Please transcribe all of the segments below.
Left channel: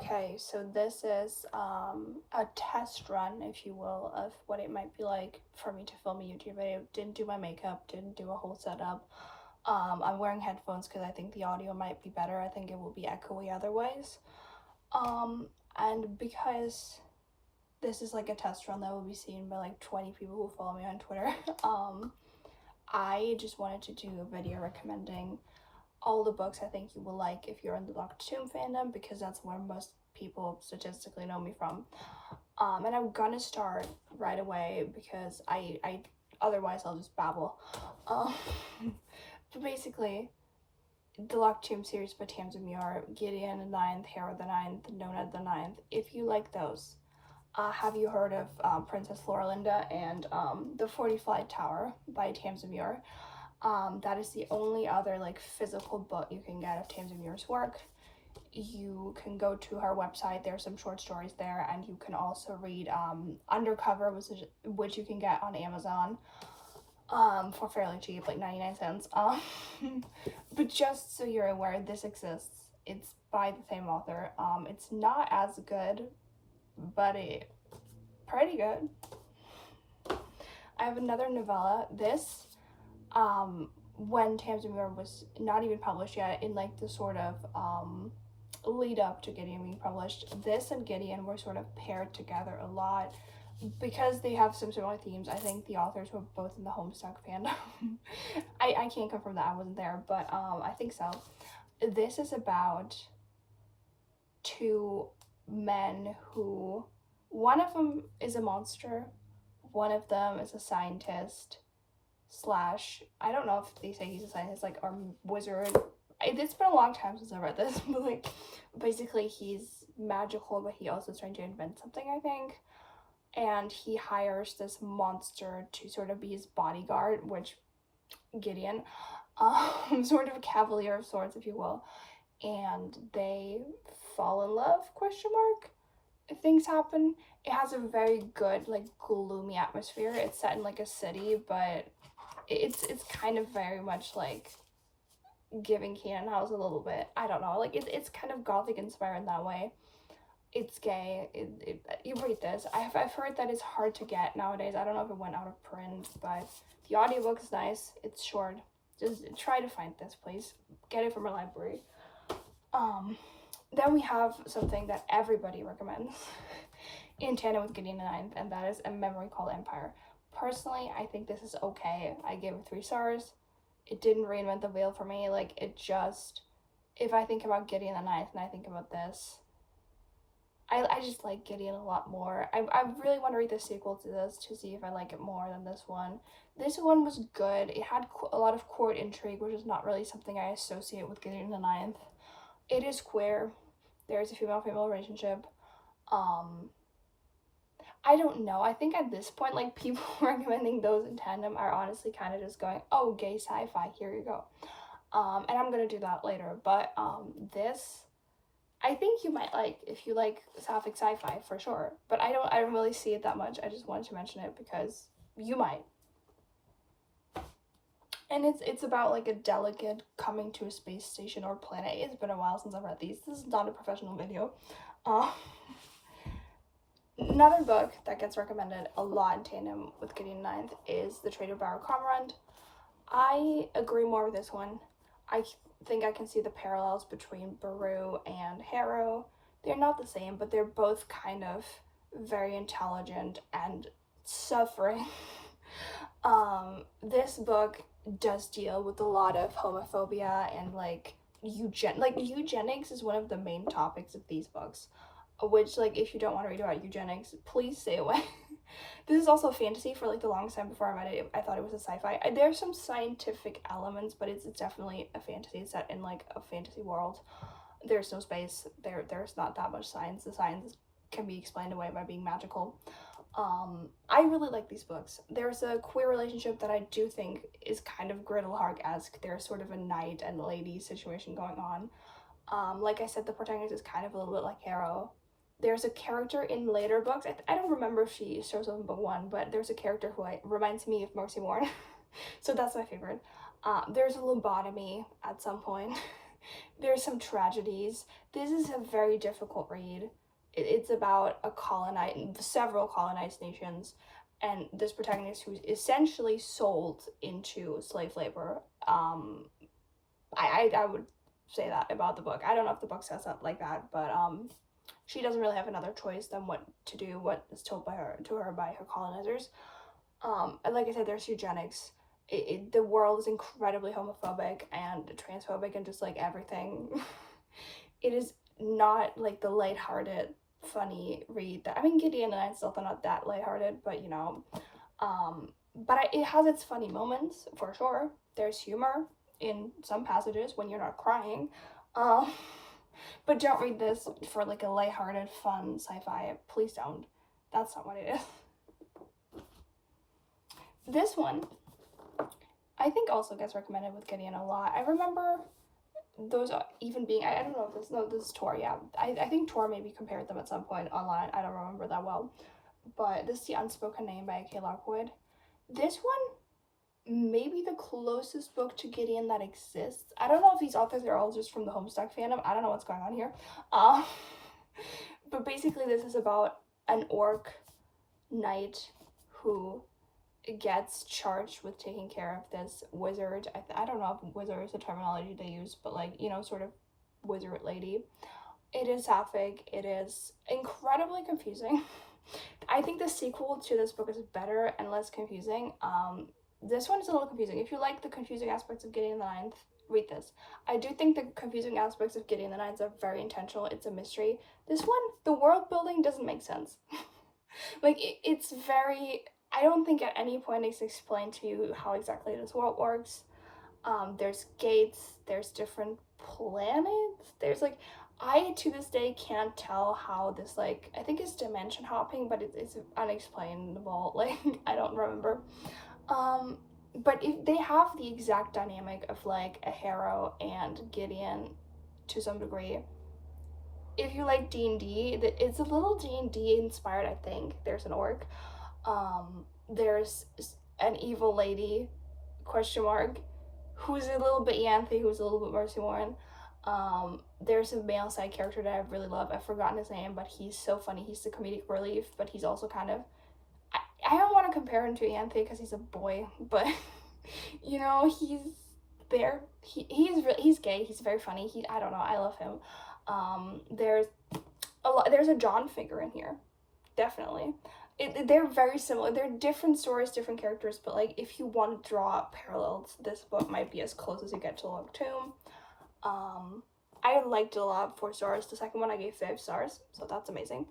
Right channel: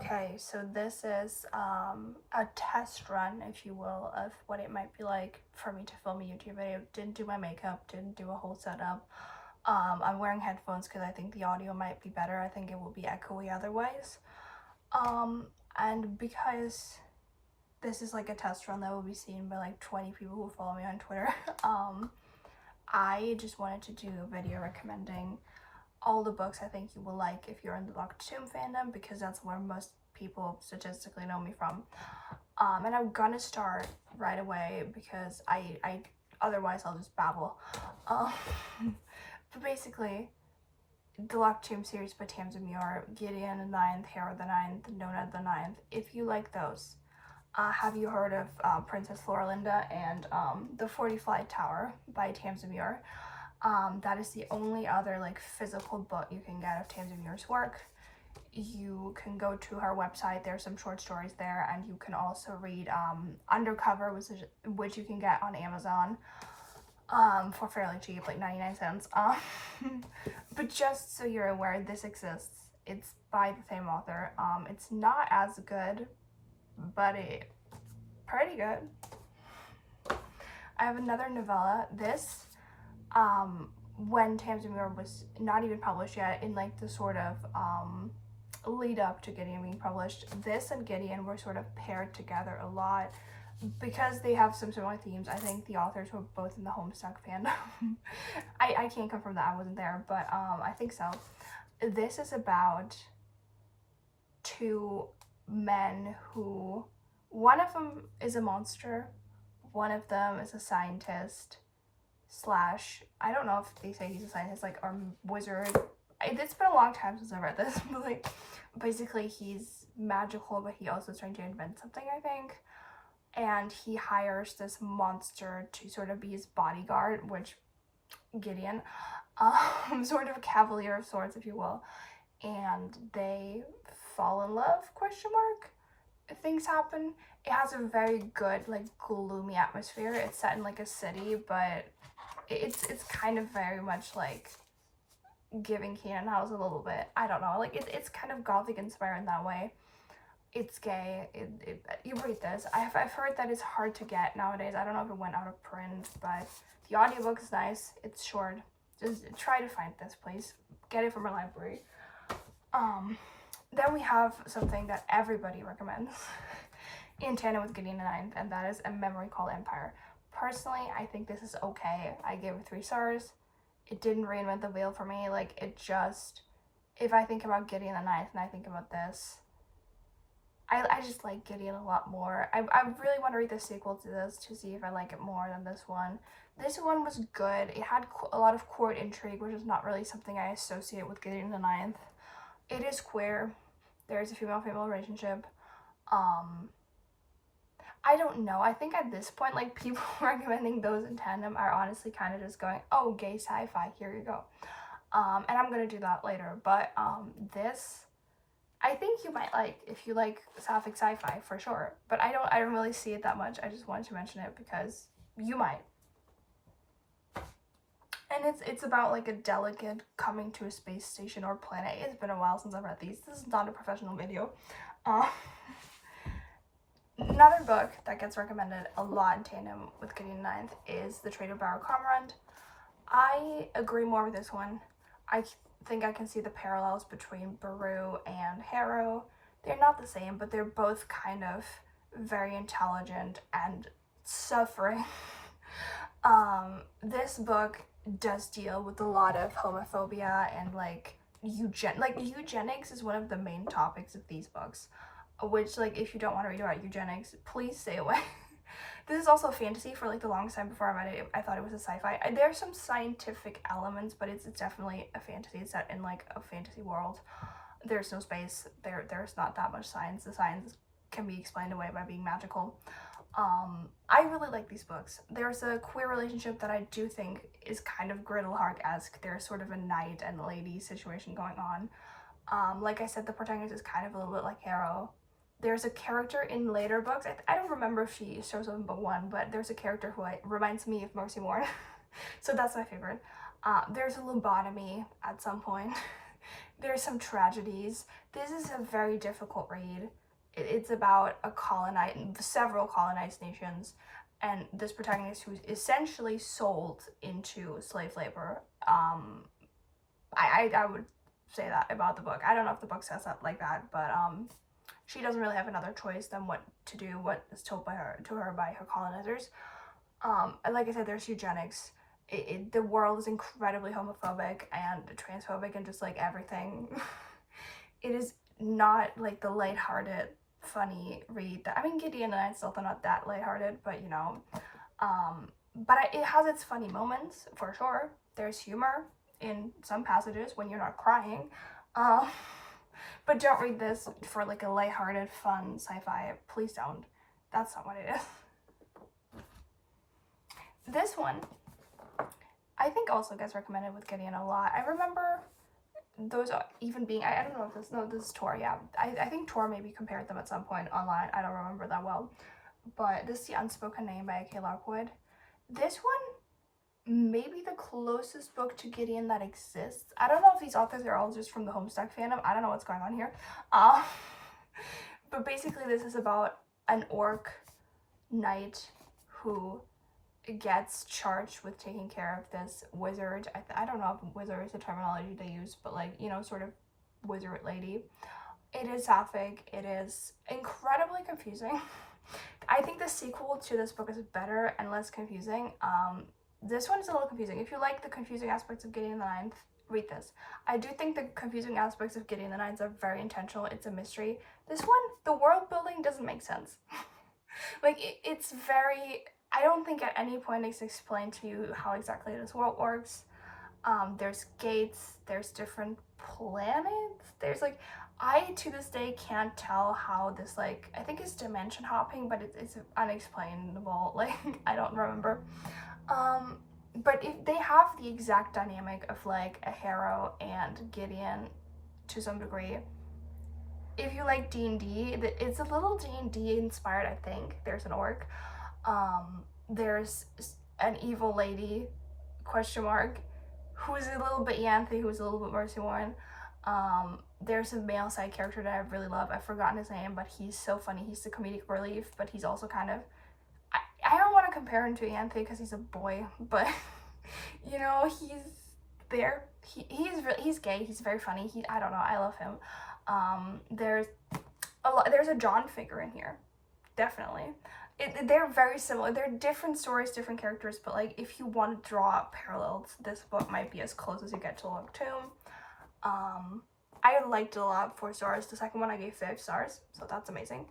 Okay, so this is a test run, if you will, of what it might be like for me to film a YouTube video. Didn't do my makeup, didn't do a whole setup. I'm wearing headphones because I think the audio might be better. I think it will be echoey otherwise. And because this is like a test run that will be seen by like 20 people who follow me on Twitter, I just wanted to do a video recommending all the books I think you will like if you're in the Doctor Tomb fandom, because that's where most people statistically know me from. And I'm gonna start right away because I otherwise I'll just babble. Um, but basically, the Locked Tomb series by Tamsin Muir, Gideon the Ninth, Hera the Ninth, Nona the Ninth. If you like those, have you heard of Princess Floralinda and The 40 Flight Tower by Tamsin Muir? That is the only other like physical book you can get of Tamsin Muir's work. You can go to her website, there's some short stories there, and you can also read Undercover, which you can get on Amazon for fairly cheap, like 99 cents. But just so you're aware, this exists. It's by the same author. It's not as good, but it's pretty good. I have another novella. This when Tamsin Muir was not even published yet, in like the sort of lead up to Gideon being published, this and Gideon were sort of paired together a lot because they have some similar themes. I think the authors were both in the Homestuck fandom. I can't confirm that, I wasn't there, but I think so. This is about two men who, one of them is a monster, one of them is a scientist slash, I don't know if they say he's a scientist, like, or wizard. It's been a long time since I read this, but like, basically he's magical, but he also is trying to invent something, I think. And he hires this monster to sort of be his bodyguard, which Gideon, sort of a cavalier of sorts, if you will. And they fall in love, question mark. Things happen. It has a very good, like, gloomy atmosphere. It's set in like a city, but it's kind of very much like giving Canaan House a little bit. I don't know, like it's kind of gothic inspired in that way. It's gay. You read this. I've heard that it's hard to get nowadays. I don't know if it went out of print, but the audiobook is nice. It's short. Just try to find this, please. Get it from a library. Then we have something that everybody recommends in tandem with Gideon the Ninth, and that is A Memory Called Empire. Personally, I think this is okay. I gave it 3 stars. It didn't reinvent the wheel for me. Like, it just, if I think about Gideon the Ninth and I think about this, I just like Gideon a lot more. I really want to read the sequel to this to see if I like it more than this one. This one was good. It had a lot of court intrigue, which is not really something I associate with Gideon the Ninth. It is queer. There's a female-female relationship. I don't know. I think at this point, like, people recommending those in tandem are honestly kind of just going, oh, gay sci-fi, here you go. And I'm gonna do that later. But this, I think you might like if you like sapphic sci-fi, for sure. But I don't really see it that much. I just wanted to mention it because you might. And it's about like a delegate coming to a space station or planet. It's been a while since I've read these. This is not a professional video. Another book that gets recommended a lot in tandem with Gideon Ninth is The Trade of Barrow Comrade. I agree more with this one. I think I can see the parallels between Baru and Harrow. They're not the same, but they're both kind of very intelligent and suffering. This book does deal with a lot of homophobia and like eugenics is one of the main topics of these books, which, like, if you don't want to read about eugenics, please stay away. This is also fantasy. For like the longest time before I read it, I thought it was a sci-fi. There's some scientific elements, but it's definitely a fantasy. It's set in like a fantasy world. There's no space. There's not that much science. The science can be explained away by being magical. I really like these books. There's a queer relationship that I do think is kind of Griddlehark-esque. There's sort of a knight and lady situation going on. Like I said, the protagonist is kind of a little bit like Harrow. There's a character in later books, I don't remember if she shows up in book 1, but there's a character who reminds me of Mercy Morn. So that's my favorite. There's a lobotomy at some point. There's some tragedies. This is a very difficult read. It's about several colonized nations, and this protagonist who's essentially sold into slave labor. I would say that about the book. I don't know if the book says that like that, but she doesn't really have another choice than what to do, what is told to her by her colonizers. And like I said, there's eugenics. The world is incredibly homophobic and transphobic and just like everything. It is not like the lighthearted, funny read that, I mean, Gideon and I still thought not that lighthearted, but you know, it has its funny moments for sure. There's humor in some passages when you're not crying. But don't read this for like a lighthearted, fun sci-fi. Please don't. That's not what it is. This one, I think also gets recommended with Gideon a lot. I remember those even being, I don't know if this is Tor, yeah. I think Tor maybe compared them at some point online. I don't remember that well. But this is The Unspoken Name by A.K. Lockwood. This one may be the closest book to Gideon that exists. I don't know if these authors are all just from the Homestuck fandom. I don't know what's going on here. But basically this is about an orc knight who gets charged with taking care of this wizard. I don't know if wizard is the terminology they use, but like, you know, sort of wizard lady. It is sapphic. It is incredibly confusing. I think the sequel to this book is better and less confusing. This one is a little confusing. If you like the confusing aspects of Gideon the Ninth, read this. I do think the confusing aspects of Gideon the Ninth are very intentional. It's a mystery. This one, the world building doesn't make sense. Like, it's very... I don't think at any point it's explained to you how exactly this world works. There's gates, there's different planets, there's like, I to this day can't tell how this, like, I think it's dimension hopping, but it's unexplainable, like, I don't remember. But if they have the exact dynamic of like a Harrow and Gideon to some degree. If you like D&D, it's a little D&D inspired, I think. There's an orc. There's an evil lady, question mark, who's a little bit Yanthe, who's a little bit Mercy Warren. There's a male side character that I really love. I've forgotten his name, but he's so funny. He's the comedic relief, but he's also kind of... I don't want to compare him to Yanthe because he's a boy, but, you know, he's there. He's gay. He's very funny. I don't know. I love him. There's a John figure in here. Definitely. They're very similar. They're different stories, different characters, but like if you want to draw parallels, this book might be as close as you get to Log Tomb. I liked it a lot, 4 stars. The second one I gave 5 stars, so that's amazing.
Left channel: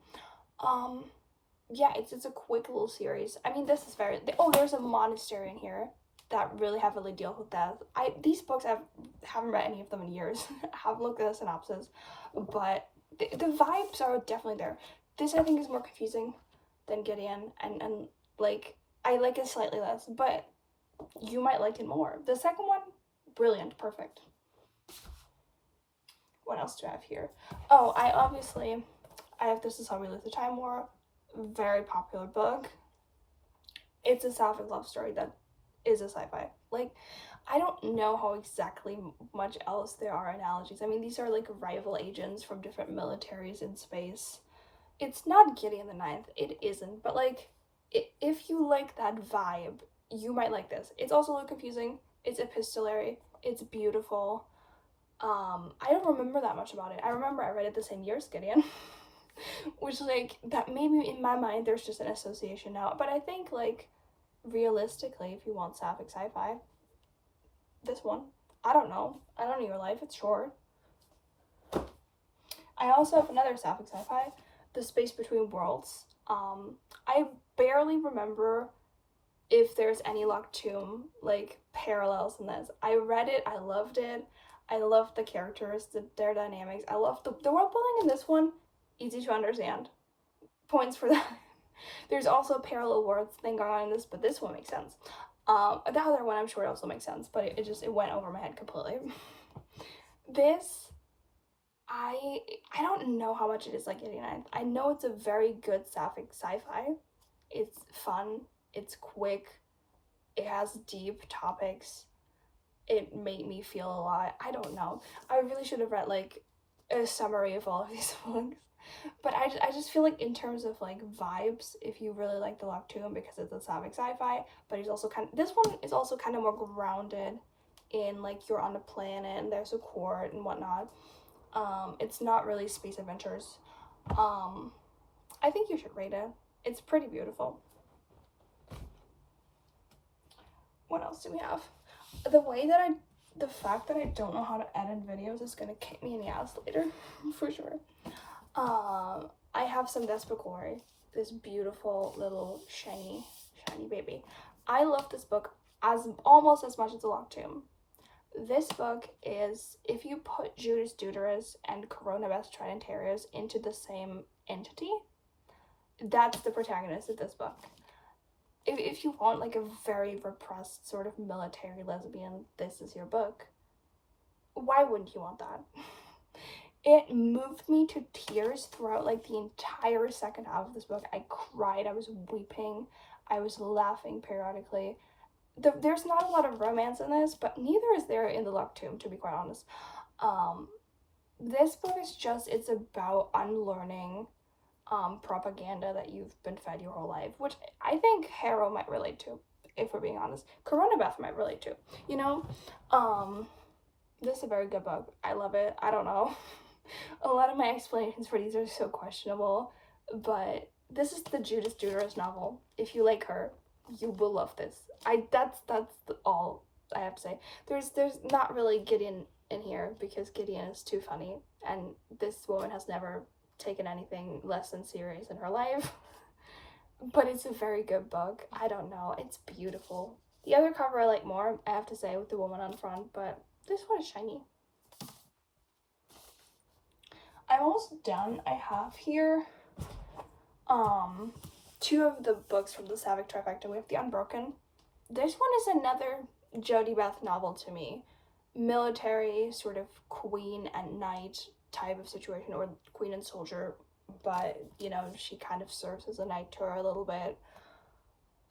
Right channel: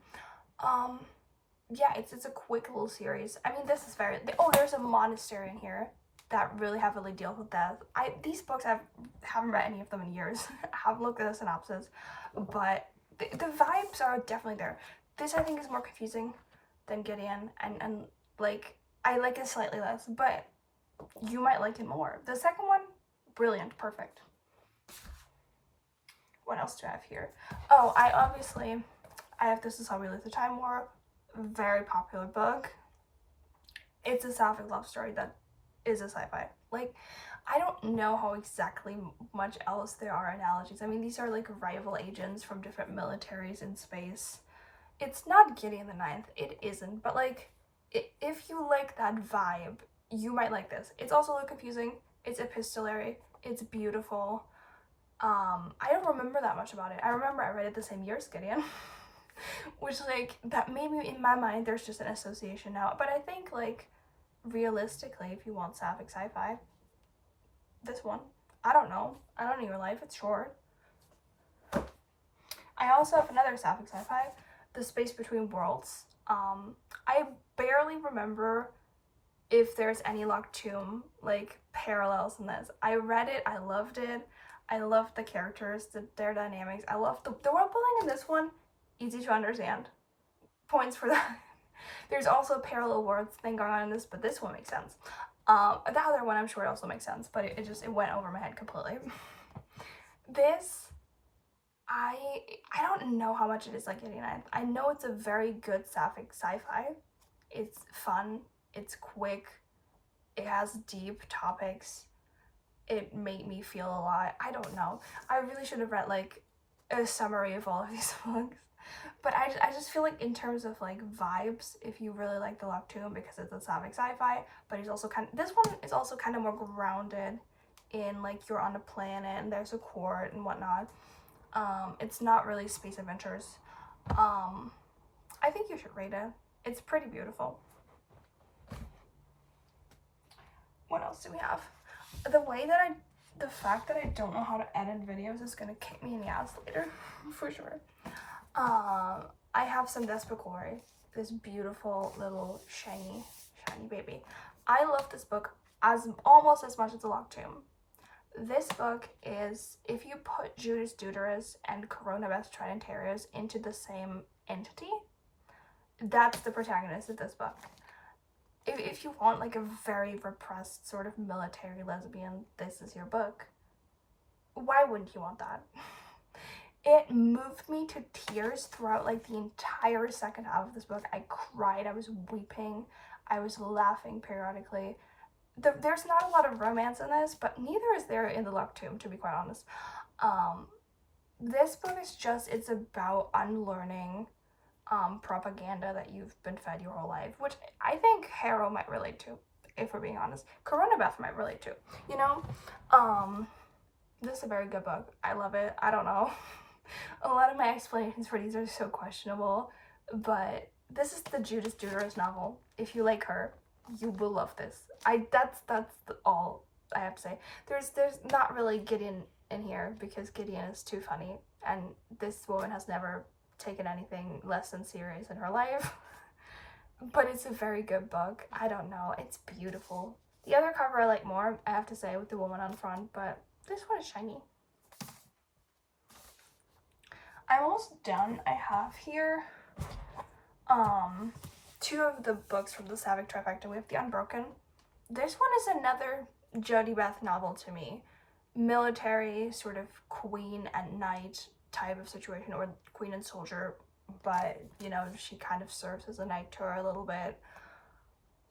Yeah, it's a quick little series. I mean, this is there's a monastery in here that really heavily deals with death. These books, I haven't read any of them in years. I haven't looked at the synopsis, but the vibes are definitely there. This, I think, is more confusing than Gideon, and like, I like it slightly less, but you might like it more. The second one, brilliant, perfect. What else do I have here? Oh, I have This Is How We Live the Time War. Very popular book. It's a sapphic love story that is a sci-fi. Like, I don't know how exactly much else there are analogies. I mean, these are like rival agents from different militaries in space. It's not Gideon the Ninth. It isn't. But like, if you like that vibe, you might like this. It's also a little confusing. It's epistolary. It's beautiful. I don't remember that much about it. I remember I read it the same year as Gideon. Which, like, that maybe in my mind there's just an association now. But I think, like, realistically, if you want sapphic sci-fi, this one. I don't know. I don't know your life. It's short. I also have another sapphic sci-fi, The Space Between Worlds. I barely remember if there's any Locked Tomb, like, parallels in this. I read it. I loved it. I loved the characters, their dynamics. I loved the world building in this one. Easy to understand. Points for that. There's also a parallel worlds thing going on in this, but this one makes sense. The other one I'm sure it also makes sense, but it went over my head completely. This, I don't know how much it is like Gideon. I know it's a very good sapphic sci-fi. It's fun. It's quick. It has deep topics. it made me feel a lot. I don't know. I really should have read like a summary of all of these books. But I just feel like in terms of like vibes, if you really like the Locktomb, because it's a Slavic sci-fi, but he's also this one is also kind of more grounded in like you're on a planet and there's a court and whatnot. It's not really space adventures. I think you should read it. It's pretty beautiful. What else do we have? The fact that I don't know how to edit videos is gonna kick me in the ass later, for sure. I have some Despicatory, this beautiful little shiny baby. I love this book almost as much as the Locktomb. This book is, if you put Judas Deuterus and Coronabeth Tridentarius into the same entity, that's the protagonist of this book. If you want like a very repressed sort of military lesbian, this is your book. Why wouldn't you want that? It moved me to tears throughout like the entire second half of this book. I cried, I was weeping, I was laughing periodically. There's not a lot of romance in this, but neither is there in the Locktomb, to be quite honest. This book is just, it's about unlearning propaganda that you've been fed your whole life, which I think Harrow might relate to, if we're being honest. Coronabeth might relate to, you know? This is a very good book. I love it. I don't know. A lot of my explanations for these are so questionable, but this is the Judas Deuterus novel. If you like her, you will love this. That's all I have to say. There's not really Gideon in here because Gideon is too funny, and this woman has never taken anything less than serious in her life. But it's a very good book. I don't know. It's beautiful. The other cover I like more, I have to say, with the woman on front, but this one is shiny. I'm almost done. I have here two of the books from the Savick trifecta. We have The Unbroken. This one is another Jodie Beth novel to me. Military, sort of queen and knight type of situation, or queen and soldier, but you know, she kind of serves as a knight to her a little bit.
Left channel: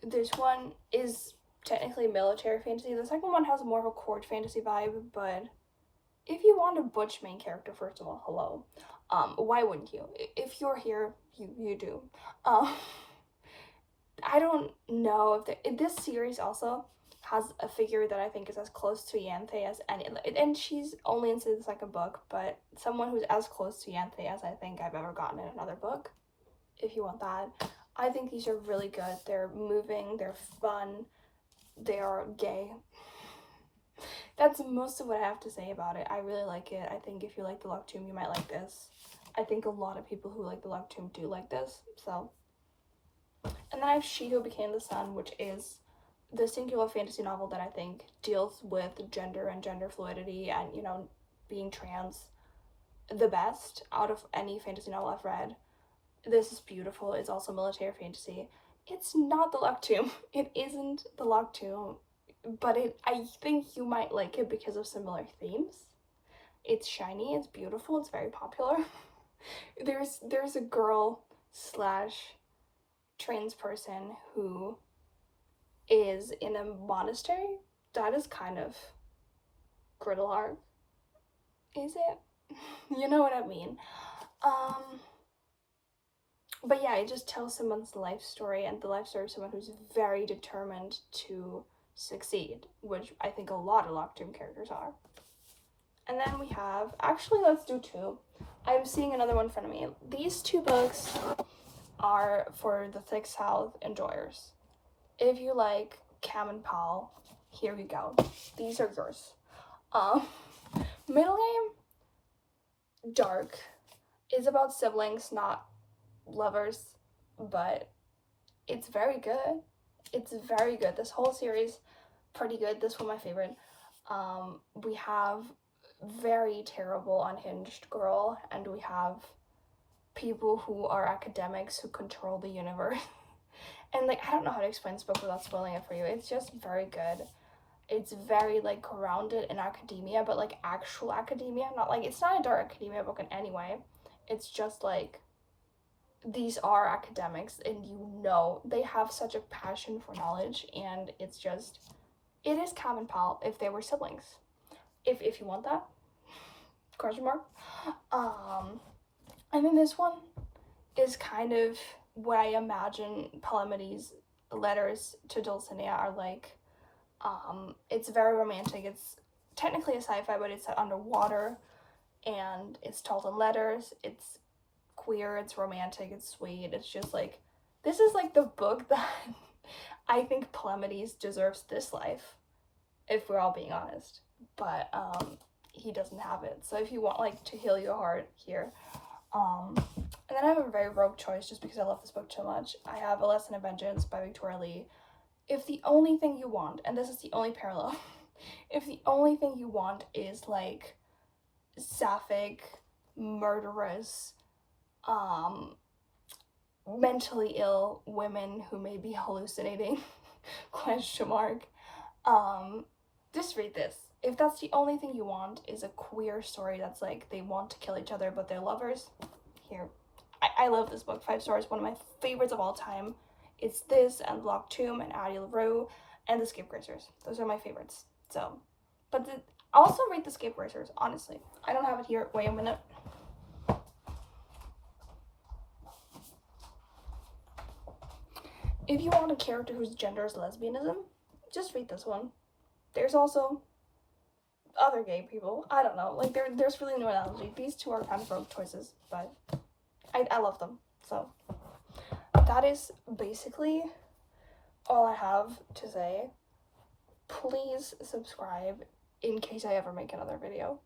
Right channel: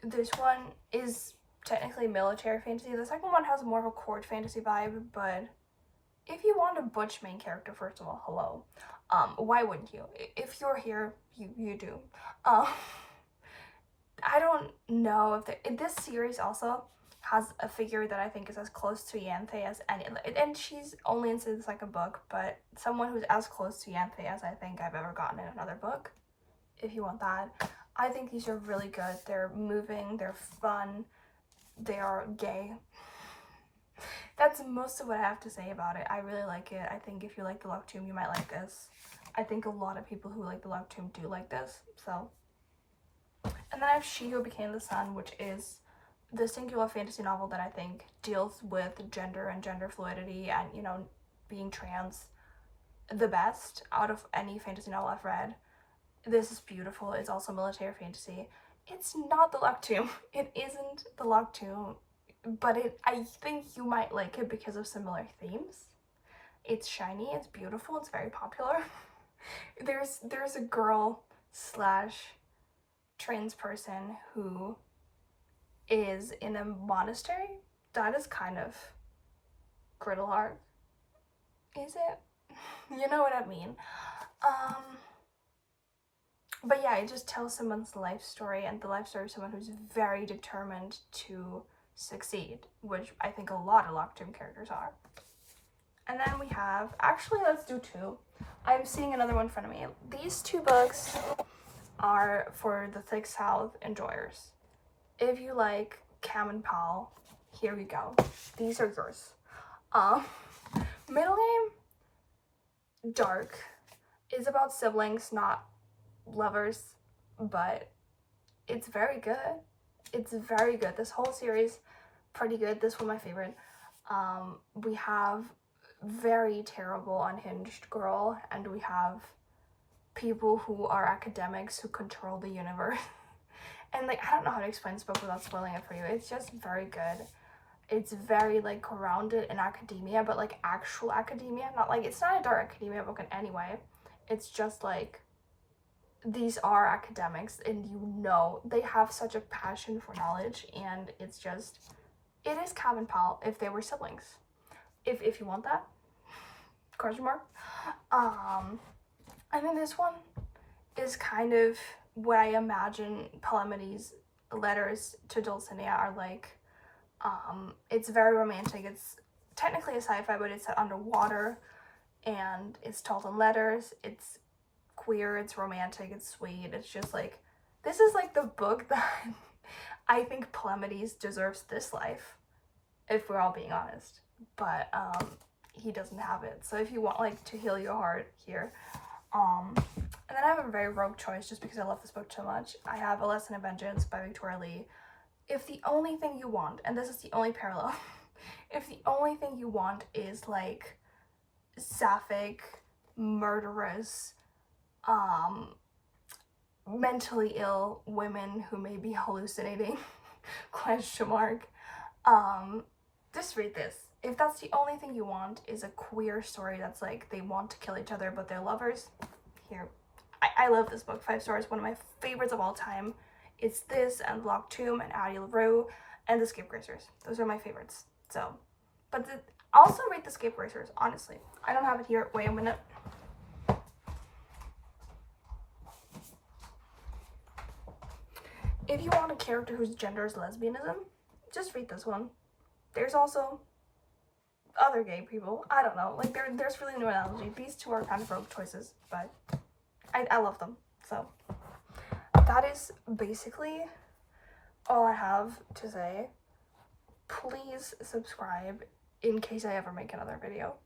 This one is technically military fantasy. The second one has more of a court fantasy vibe, but if you want a butch main character, first of all, hello. Why wouldn't you? If you're here, you do. I don't know if this series also has a figure that I think is as close to Yanthe as any, and she's only in the second book, but someone who's as close to Yanthe as I think I've ever gotten in another book, if you want that. I think these are really good. They're moving, they're fun, they are gay. That's most of what I have to say about it. I really like it. I think if you like the Locktomb, you might like this. I think a lot of people who like the Locktomb do like this, so. And then I have She Who Became the Sun, which is the singular fantasy novel that I think deals with gender and gender fluidity and, you know, being trans the best out of any fantasy novel I've read. This is beautiful. It's also military fantasy. It's not the Locktomb. It isn't the Locktomb, but I think you might like it because of similar themes. It's shiny, it's beautiful, it's very popular. There's a girl / trans person who is in a monastery. That is kind of griddle arc. Is it? You know what I mean. But yeah, it just tells someone's life story, and the life story of someone who's very determined to succeed, which I think a lot of Locktomb characters are. And then we have, actually let's do two. I'm seeing another one in front of me. These two books are for the Thick South enjoyers. If you like Cam and Paul, here we go. These are yours. Middle Name, dark, is about siblings, not lovers, but it's very good. It's very good. This whole series, pretty good. This one my favorite. We have very terrible unhinged girl, and we have people who are academics who control the universe. And like, I don't know how to explain this book without spoiling it for you. It's just very good. It's very like grounded in academia, but like actual academia, not like, it's not a dark academia book in any way. It's just like, these are academics, and you know they have such a passion for knowledge, and it's just It is Cam and Paul if they were siblings. If you want that, question mark. And then this one is kind of what I imagine Palamedes' letters to Dulcinea are like. It's very romantic. It's technically a sci-fi, but it's set underwater, and it's told in letters. It's queer, it's romantic, it's sweet. It's just like, this is like the book that I think Palamedes deserves this life, if we're all being honest. But he doesn't have it. So if you want like to heal your heart here, and then I have a very rogue choice just because I love this book so much. I have A Lesson in Vengeance by Victoria Lee. If the only thing you want, and this is the only parallel, if the only thing you want is like sapphic, murderous, mentally ill women who may be hallucinating, question mark, just read this. If that's the only thing you want is a queer story that's like they want to kill each other but they're lovers, here. I love this book. 5 stars, one of my favorites of all time. It's this and Locked Tomb and Addie LaRue and The Scapegracers. Those are my favorites. So, but also read The Scapegracers, honestly. I don't have it here. Wait a minute. If you want a character whose gender is lesbianism, just read this one. There's also other gay people. I don't know. Like, there's really no analogy. These two are kind of rogue choices, but I love them. So, that is basically all I have to say. Please subscribe in case I ever make another video.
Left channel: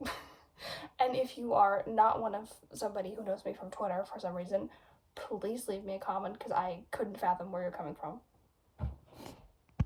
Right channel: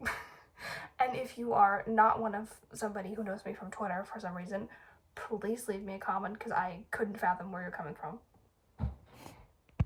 And if you are not somebody who knows me from Twitter for some reason, please leave me a comment because I couldn't fathom where you're coming from.